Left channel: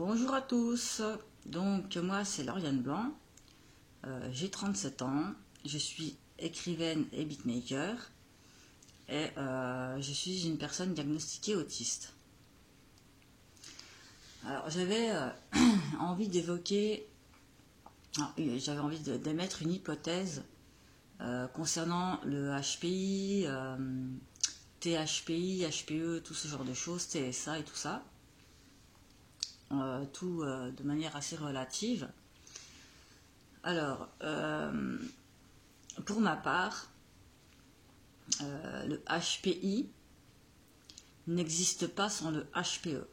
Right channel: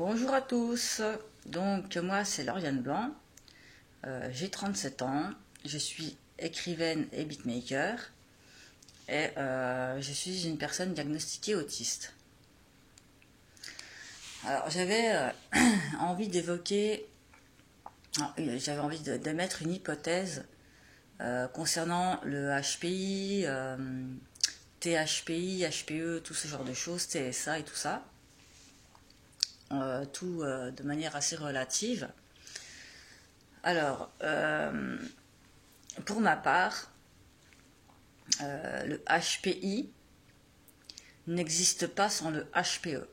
Bonjour à tous, donc moi c'est Lauriane Blanc, j'ai 37 ans, je suis écrivaine et beatmaker et je suis une personne diagnostiquée autiste. Alors j'avais envie d'évoquer, j'avais envie d'émettre une hypothèse concernant le HPI, THPI, HPE, tout ce genre de choses, TSA et tout ça. Tout de manière assez relative. Alors, pour ma part, le HPI n'existe pas sans le HPE.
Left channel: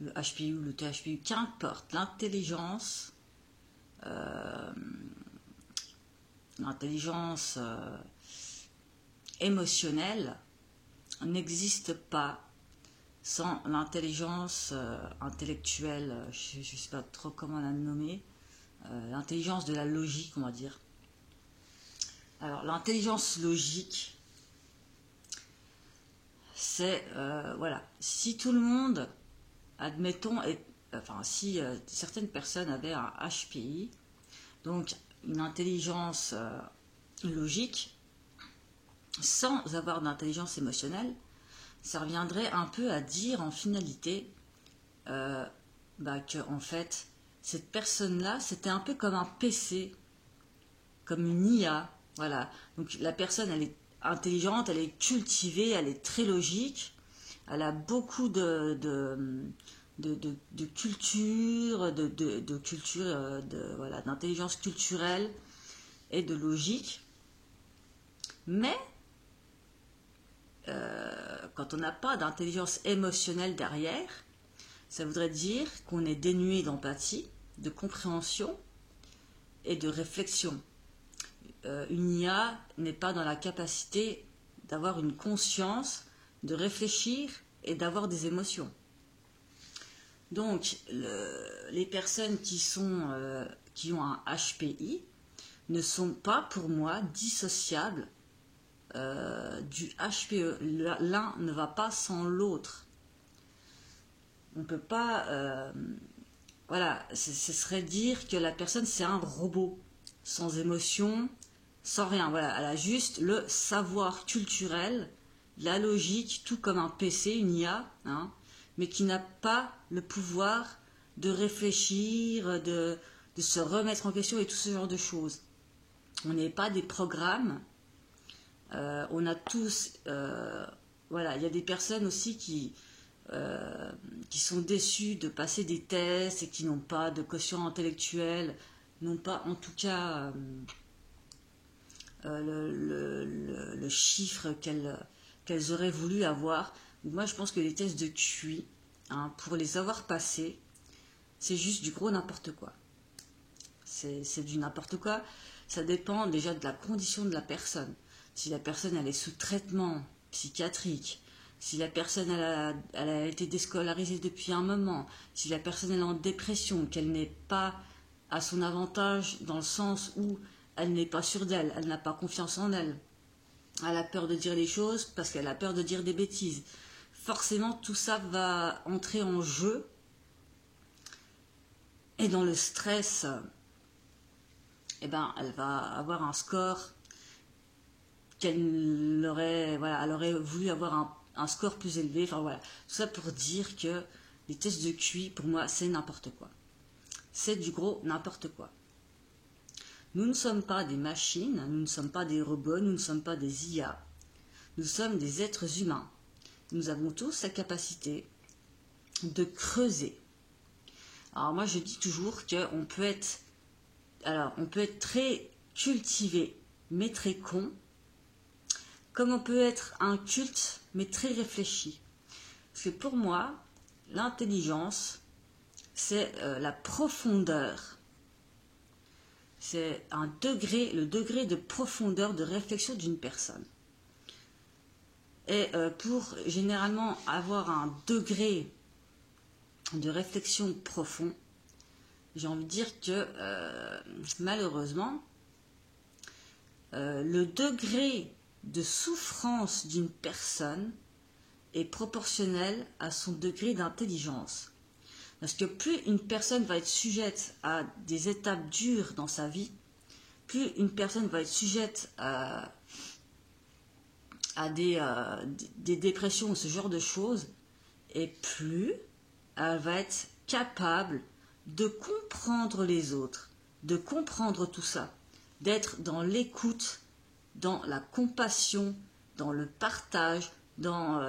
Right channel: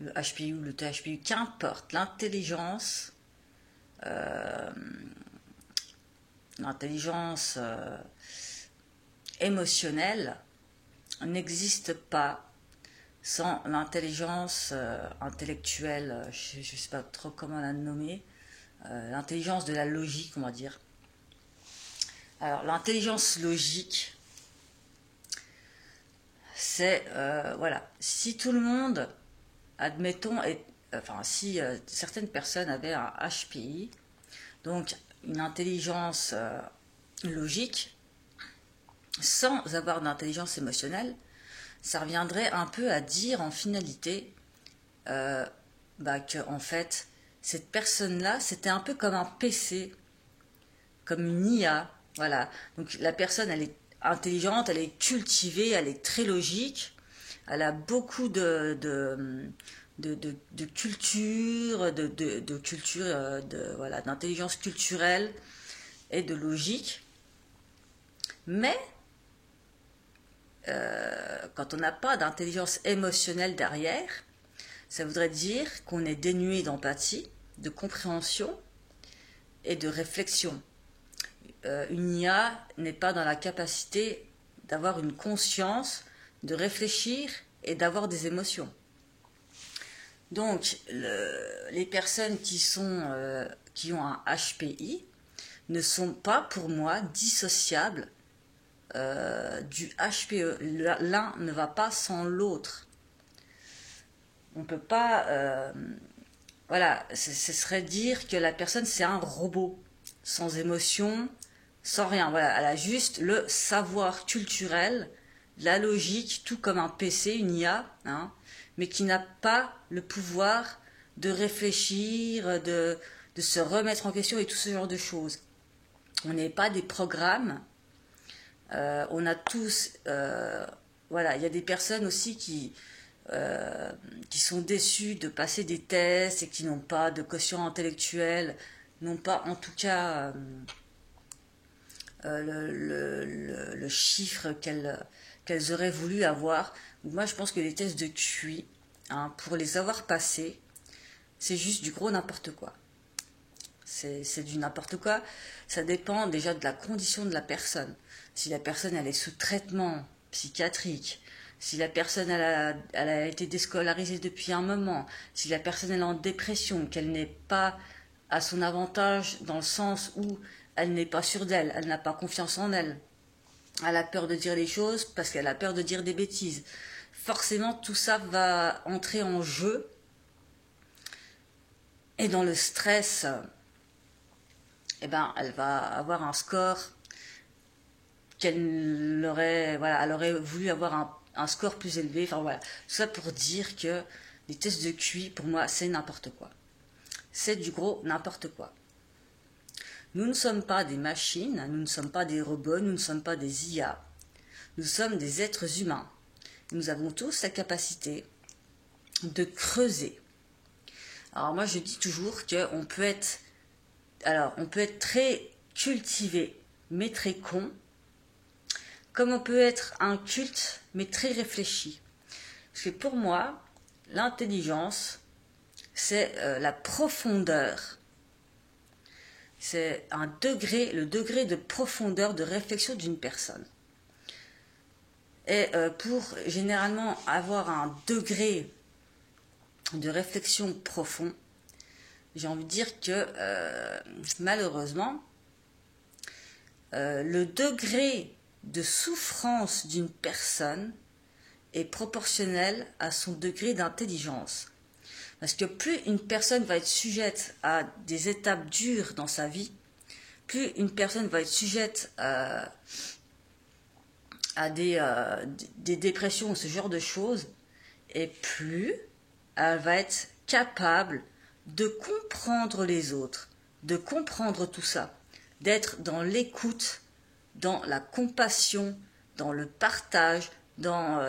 Le HPI ou le THPI, qu'importe, l'intelligence émotionnelle n'existe pas sans l'intelligence intellectuelle, je ne sais pas trop comment la nommer, l'intelligence de la logique, on va dire. Alors, l'intelligence logique, c'est, voilà, si tout le monde, admettons, si certaines personnes avaient un HPI, donc une intelligence logique, sans avoir d'intelligence émotionnelle, ça reviendrait un peu à dire en finalité que en fait cette personne-là c'était un peu comme un PC, comme une IA, voilà. Donc la personne elle est intelligente, elle est cultivée, elle est très logique, elle a beaucoup de culture, voilà, d'intelligence culturelle et de logique, mais quand on n'a pas d'intelligence émotionnelle derrière, ça voudrait dire qu'on est dénué d'empathie, de compréhension et de réflexion. Une IA n'est pas dans la capacité d'avoir une conscience, de réfléchir et d'avoir des émotions. Donc, les personnes qui ont un HPI ne sont pas, pour moi, dissociables du HPE. L'un ne va pas sans l'autre. On ne peut pas... voilà, ce serait dire que la personne c'est un robot, sans émotion, sans rien. Voilà, elle a juste le savoir culturel, la logique, tout comme un PC, une IA, hein, mais qui n'a pas le pouvoir de réfléchir, de se remettre en question et tout ce genre de choses. On n'est pas des programmes. On a tous, voilà, il y a des personnes aussi qui sont déçues de passer des tests et qui n'ont pas de quotient intellectuel, n'ont pas en tout cas le chiffre qu'elles auraient voulu avoir. Moi je pense que les tests de QI, hein, pour les avoir passés, c'est juste du gros n'importe quoi. C'est du n'importe quoi. Ça dépend déjà de la condition de la personne. Si la personne elle est sous traitement psychiatrique, si la personne elle a été déscolarisée depuis un moment, si la personne elle est en dépression, qu'elle n'est pas à son avantage dans le sens où elle n'est pas sûre d'elle, elle n'a pas confiance en elle, elle a peur de dire les choses parce qu'elle a peur de dire des bêtises. Forcément tout ça va entrer en jeu et dans le stress, eh ben, elle va avoir un score qu'elle aurait, voilà, elle aurait voulu avoir un score plus élevé. Enfin voilà, tout ça pour dire que les tests de QI, pour moi, c'est n'importe quoi. C'est du gros n'importe quoi. Nous ne sommes pas des machines, nous ne sommes pas des robots, nous ne sommes pas des IA. Nous sommes des êtres humains. Nous avons tous la capacité de creuser. Alors moi, je dis toujours qu'on peut être... Alors, on peut être très cultivé, mais très con, comme on peut être inculte, mais très réfléchi. Parce que pour moi, l'intelligence, c'est la profondeur. C'est le degré de profondeur de réflexion d'une personne. Et pour généralement avoir un degré de réflexion profond, j'ai envie de dire que malheureusement, le degré de souffrance d'une personne est proportionnel à son degré d'intelligence. Parce que plus une personne va être sujette à des étapes dures dans sa vie, plus une personne va être sujette à des dépressions ou ce genre de choses, et plus elle va être capable de comprendre les autres, de comprendre tout ça, d'être dans l'écoute, dans la compassion, dans le partage, dans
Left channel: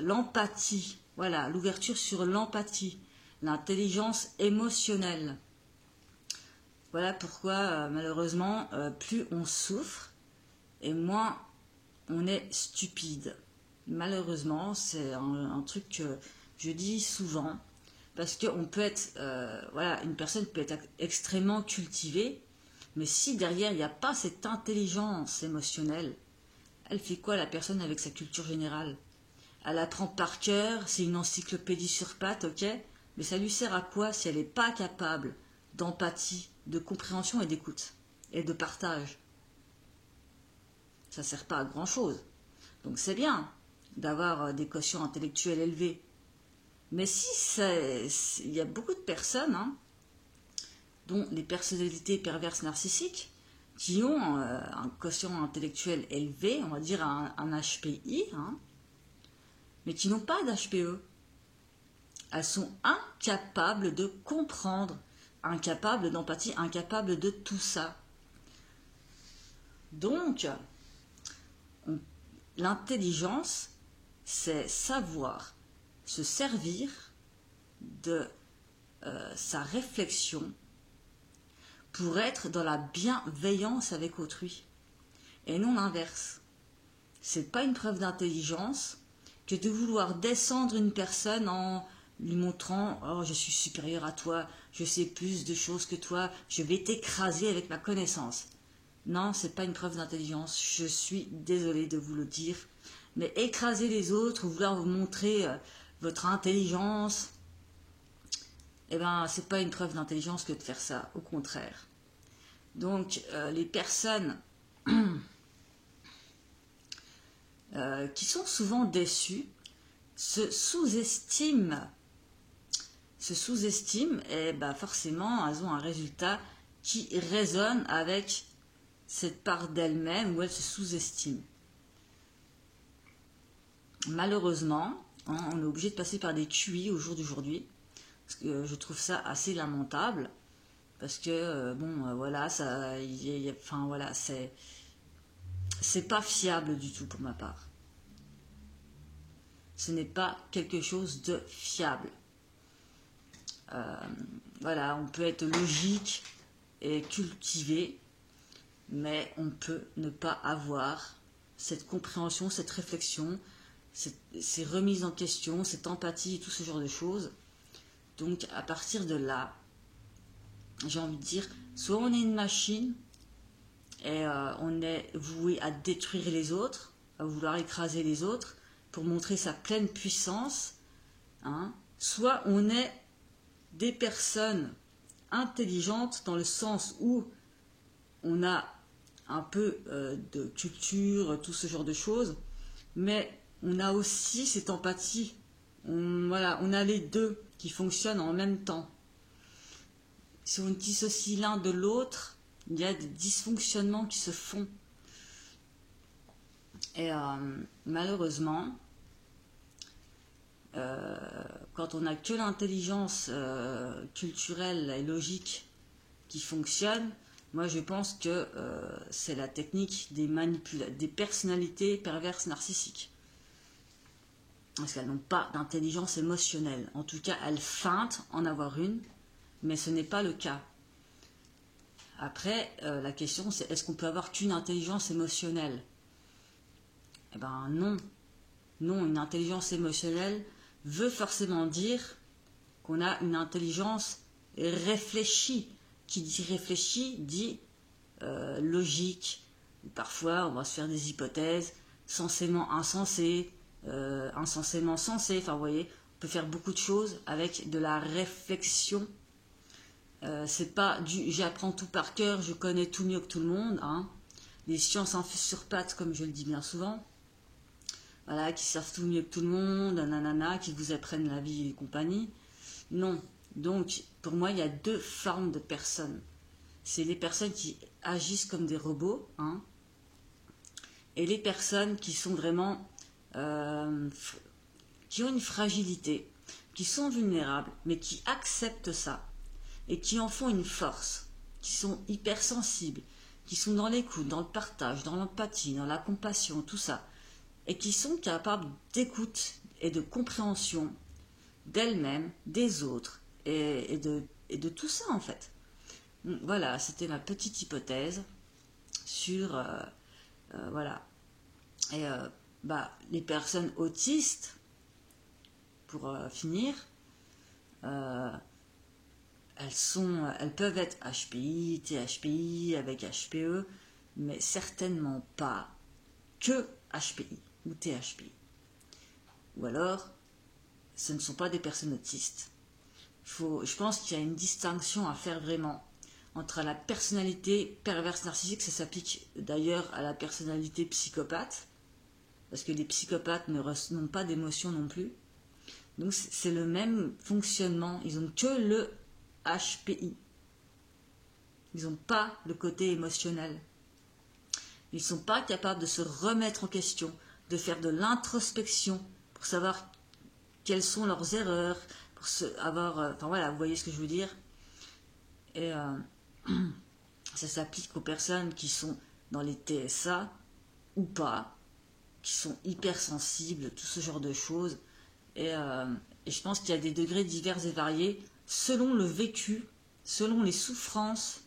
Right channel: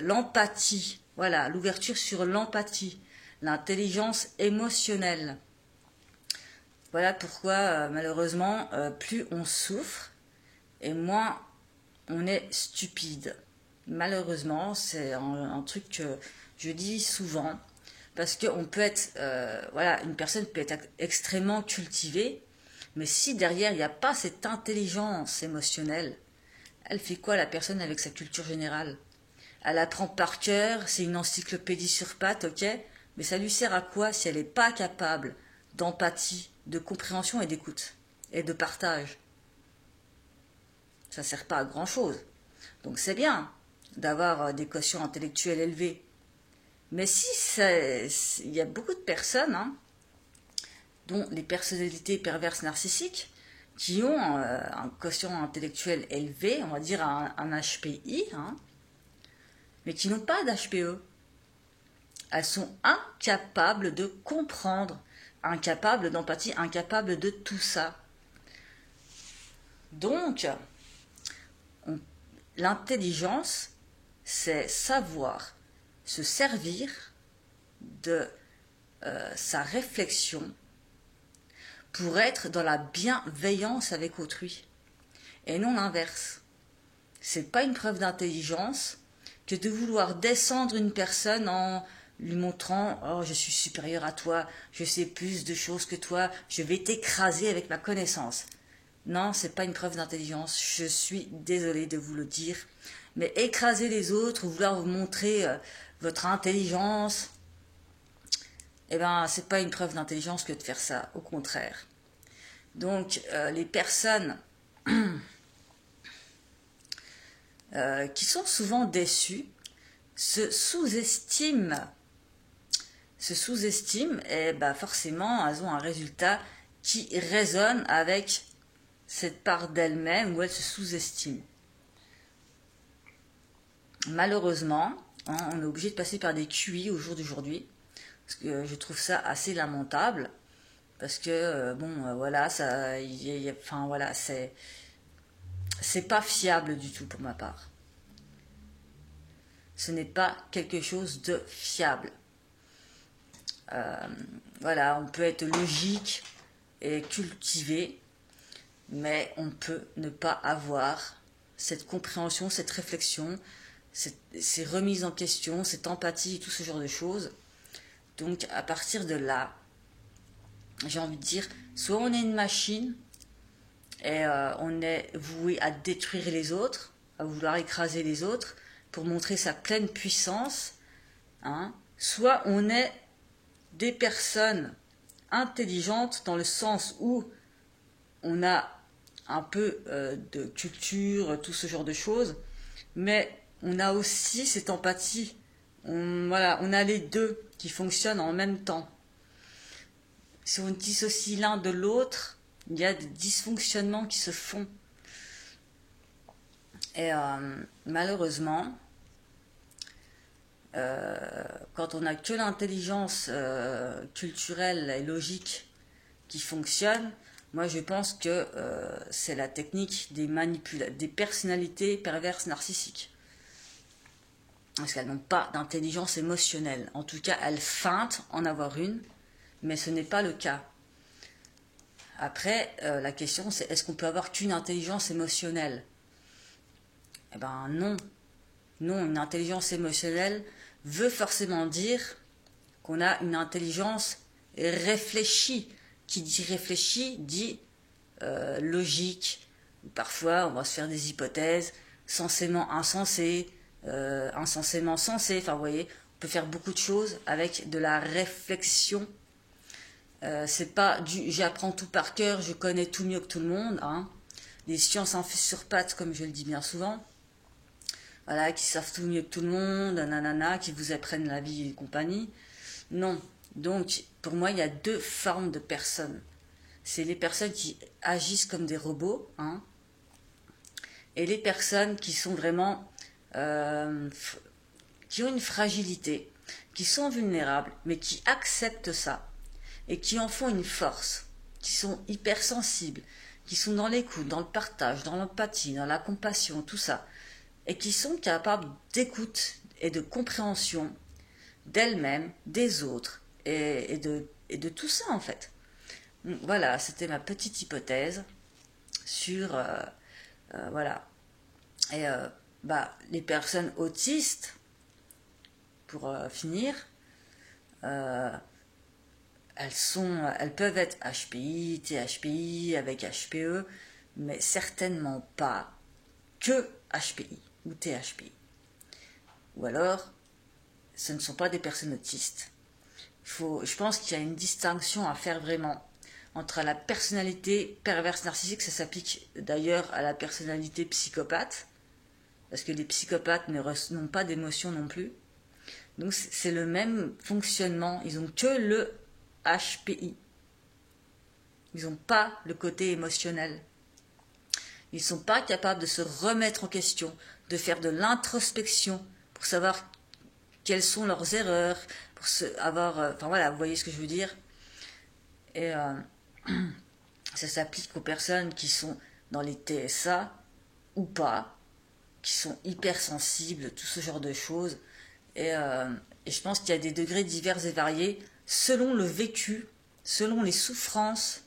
l'empathie. Voilà, l'ouverture sur l'empathie, l'intelligence émotionnelle. Voilà pourquoi, malheureusement, plus on souffre et moins on est stupide. Malheureusement, c'est un truc que je dis souvent, parce qu'on peut être, voilà, une personne peut être extrêmement cultivée, mais si derrière il n'y a pas cette intelligence émotionnelle, elle fait quoi la personne avec sa culture générale? Elle apprend par cœur, c'est une encyclopédie sur pattes, ok, mais ça lui sert à quoi si elle n'est pas capable d'empathie, de compréhension et d'écoute, et de partage? Ça ne sert pas à grand chose. Donc c'est bien d'avoir des quotients intellectuels élevés. Mais il y a beaucoup de personnes, hein, dont les personnalités perverses narcissiques, qui ont un quotient intellectuel élevé, on va dire un HPI, hein, mais qui n'ont pas d'HPE. Elles sont incapables de comprendre, incapables d'empathie, incapables de tout ça. Donc, l'intelligence, c'est savoir se servir de sa réflexion pour être dans la bienveillance avec autrui et non l'inverse. C'est pas une preuve d'intelligence que de vouloir descendre une personne en lui montrant « Oh, je suis supérieur à toi, je sais plus de choses que toi, je vais t'écraser avec ma connaissance. » Non, c'est pas une preuve d'intelligence, je suis désolée de vous le dire. Mais écraser les autres, vouloir vous montrer votre intelligence, eh ben, c'est pas une preuve d'intelligence que de faire ça, au contraire. Donc, les personnes qui sont souvent déçues se sous-estiment, et ben forcément, elles ont un résultat qui résonne avec cette part d'elle-même où elle se sous-estime. Malheureusement, hein, on est obligé de passer par des QI au jour d'aujourd'hui, parce que je trouve ça assez lamentable, parce que, voilà, ça, enfin, voilà, c'est pas fiable du tout pour ma part. Ce n'est pas quelque chose de fiable. Voilà, on peut être logique et cultivé, mais on peut ne pas avoir cette compréhension, cette réflexion, ces remises en question, cette empathie et tout ce genre de choses. Donc à partir de là, j'ai envie de dire, soit on est une machine et on est voué à détruire les autres, à vouloir écraser les autres pour montrer sa pleine puissance, hein, soit on est des personnes intelligentes dans le sens où on a un peu de culture, tout ce genre de choses, mais on a aussi cette empathie. Voilà, on a les deux qui fonctionnent en même temps. Si on dissocie l'un de l'autre, il y a des dysfonctionnements qui se font. Et malheureusement, quand on n'a que l'intelligence culturelle et logique qui fonctionne, moi je pense que c'est la technique des personnalités perverses narcissiques. Parce qu'elles n'ont pas d'intelligence émotionnelle. En tout cas, elles feintent en avoir une, mais ce n'est pas le cas. Après, la question c'est, est-ce qu'on peut avoir qu'une intelligence émotionnelle? Eh ben non. Non, une intelligence émotionnelle veut forcément dire qu'on a une intelligence réfléchie. Qui dit réfléchie dit logique. Parfois, on va se faire des hypothèses censément insensées, insensément sensées. Enfin, vous voyez, on peut faire beaucoup de choses avec de la réflexion. C'est pas du j'apprends tout par cœur, je connais tout mieux que tout le monde. Hein. Les sciences infusent sur pattes, comme je le dis bien souvent. voilà, qui savent tout mieux que tout le monde, nanana, qui vous apprennent la vie et compagnie. Non. Donc, pour moi, il y a deux formes de personnes. C'est les personnes qui agissent comme des robots, hein, et les personnes qui sont vraiment, qui ont une fragilité, qui sont vulnérables, mais qui acceptent ça, et qui en font une force, qui sont hypersensibles, qui sont dans l'écoute, dans le partage, dans l'empathie, dans la compassion, tout ça, et qui sont capables d'écoute et de compréhension d'elles-mêmes, des autres, et de tout ça en fait. Voilà, c'était ma petite hypothèse sur, voilà. Et les personnes autistes, pour finir, elles peuvent être HPI, THPI, avec HPE, mais certainement pas que HPI ou THPI. Ou alors, ce ne sont pas des personnes autistes. Je pense qu'il y a une distinction à faire vraiment entre la personnalité perverse narcissique, ça s'applique d'ailleurs à la personnalité psychopathe, parce que les psychopathes n'ont pas d'émotion non plus. Donc c'est le même fonctionnement, ils n'ont que le HPI. Ils n'ont pas le côté émotionnel. Ils ne sont pas capables de se remettre en question, de faire de l'introspection pour savoir quelles sont leurs erreurs, pour avoir... enfin voilà, vous voyez ce que je veux dire. Et ça s'applique aux personnes qui sont dans les TSA ou pas, qui sont hypersensibles, tout ce genre de choses. Et je pense qu'il y a des degrés divers et variés selon le vécu, selon les souffrances,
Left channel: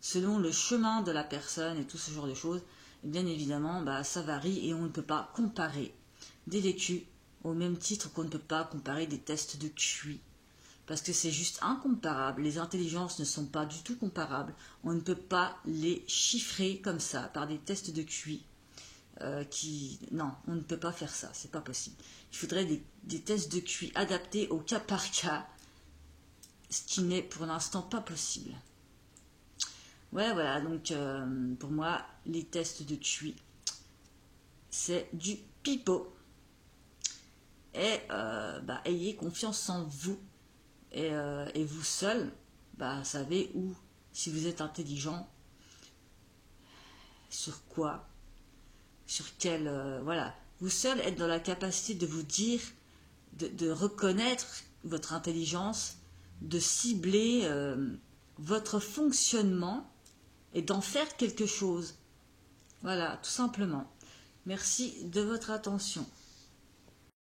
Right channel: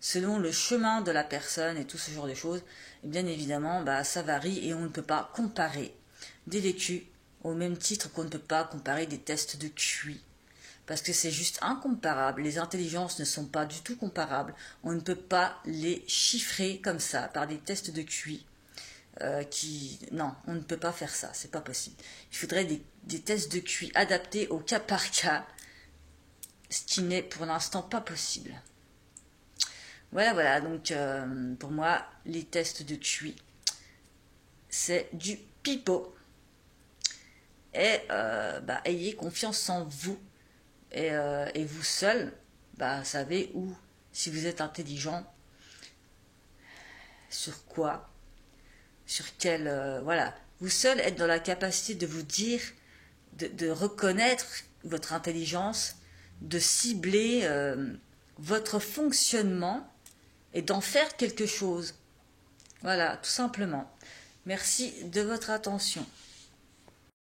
selon le chemin de la personne et tout ce genre de choses. Et bien évidemment, ça varie et on ne peut pas comparer des vécus au même titre qu'on ne peut pas comparer des tests de QI. Parce que c'est juste incomparable. Les intelligences ne sont pas du tout comparables. On ne peut pas les chiffrer comme ça par des tests de QI. Non, on ne peut pas faire ça, c'est pas possible. Il faudrait des tests de QI adaptés au cas par cas, ce qui n'est pour l'instant pas possible. Voilà, donc pour moi, les tests de QI, c'est du pipeau. Et ayez confiance en vous, et vous seul, savez où, si vous êtes intelligent, sur quoi, sur quel... voilà. Vous seul êtes dans la capacité de vous dire, de reconnaître votre intelligence, de cibler votre fonctionnement et d'en faire quelque chose. Voilà, tout simplement. Merci de votre attention.